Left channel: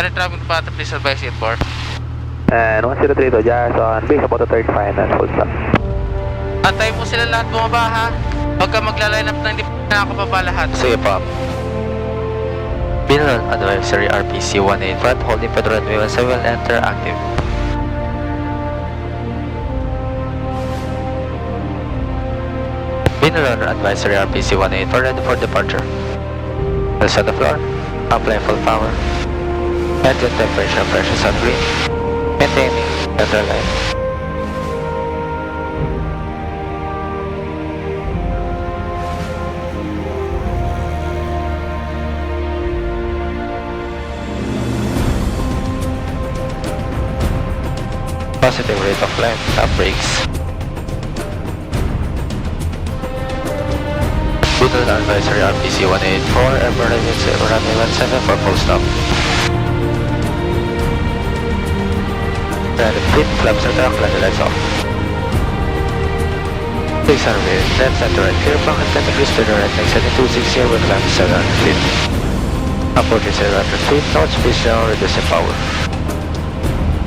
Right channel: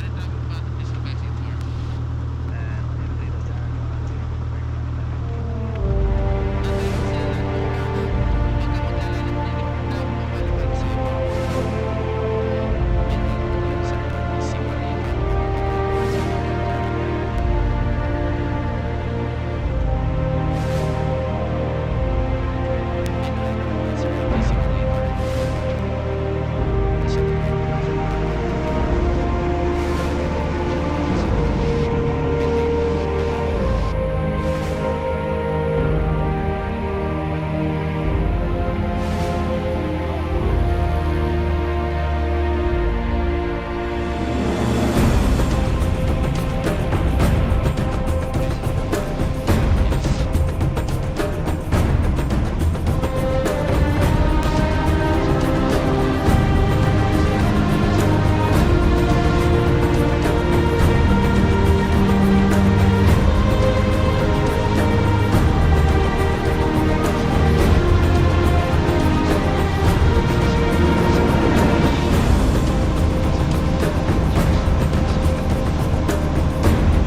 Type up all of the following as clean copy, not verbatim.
Air traffic pattern, please advise inboard. And 1032, just on base about the third final, full stop. Antay mo sila lahat bumaba ha. Huwag ka magla-line up na hindi na ako baba lahat. Sige po. Binalonan Advisory RPC 18 front holding Federal Way 17 will enter active. Binalonan Advisory RPC 18 for ready for departure. Will set the floor. Apply full power. Engine temperature pressures on green. Maintaining neutral line. Positive rate of climb, top brakes. Binalonan Advisory RPC 184, Estrellado 0 for full stop. And flip flaps are down, let the lights off. Please are bearing left center right clear, pocket 10 degrees to the right, exit 260 with climb 700 feet. Approach 700 feet, north speed down, reducing power.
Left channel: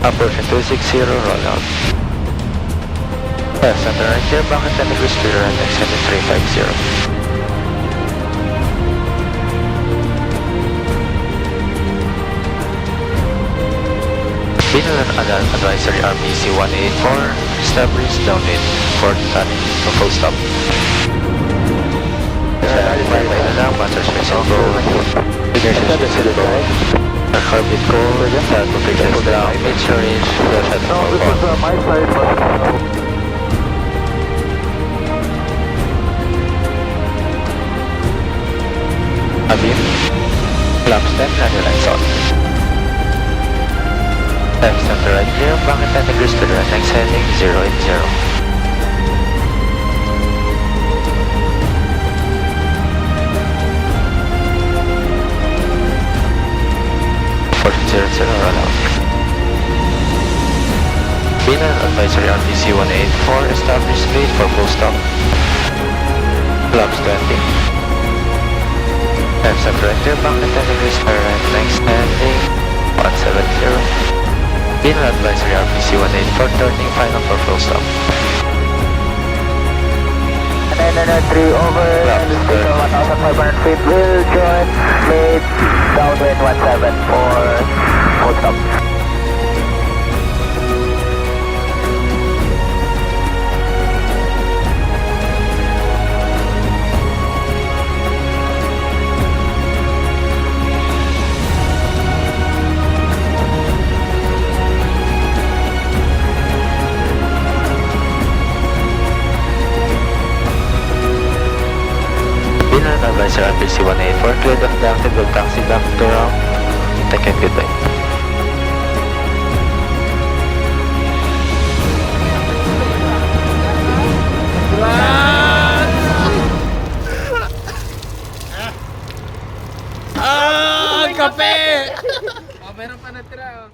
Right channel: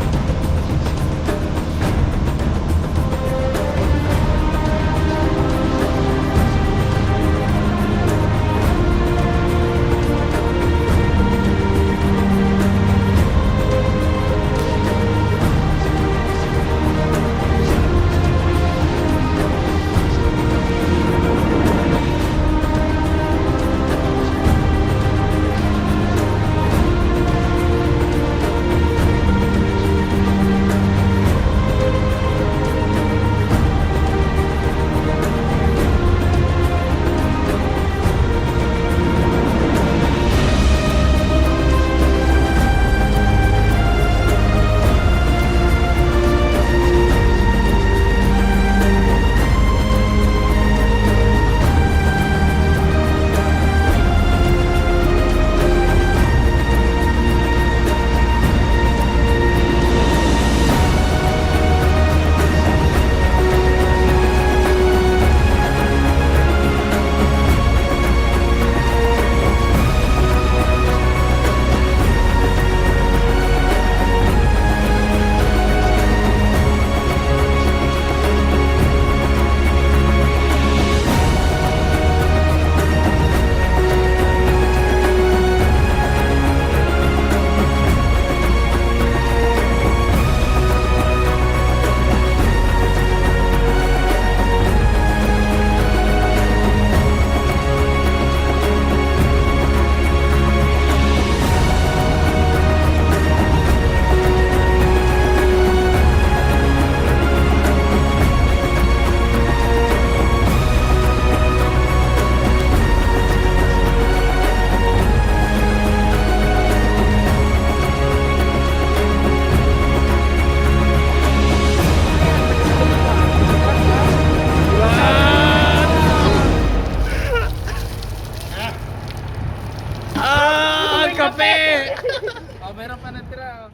Approaching 260, roll out. Left center right clear, pocket 10 degrees to the right, exit 350. Binalonan Advisory RPC 184, establish downwind for timing for full stop. Master space on go. Ignition switch to the right. Orbit go. Flat position down. Engine range. Left at all. Abin. Flaps left and lights on. Left center right here, pocket 10 degrees to the right, next heading 080. Binalonan Advisory RPC 184, establish speed for full stop. Flaps 20. Left center right here, pocket 10 degrees to the right, next heading 170. Binalonan Advisory RPC 184, turning final for full stop. 993 over, destination 1,500 feet, rear joint, speed, downwind 17 for full stop. RPC 184, clear the conductor will taxi back to Rhon. Take a good day. Ah, kape! Oh, meron pa natira.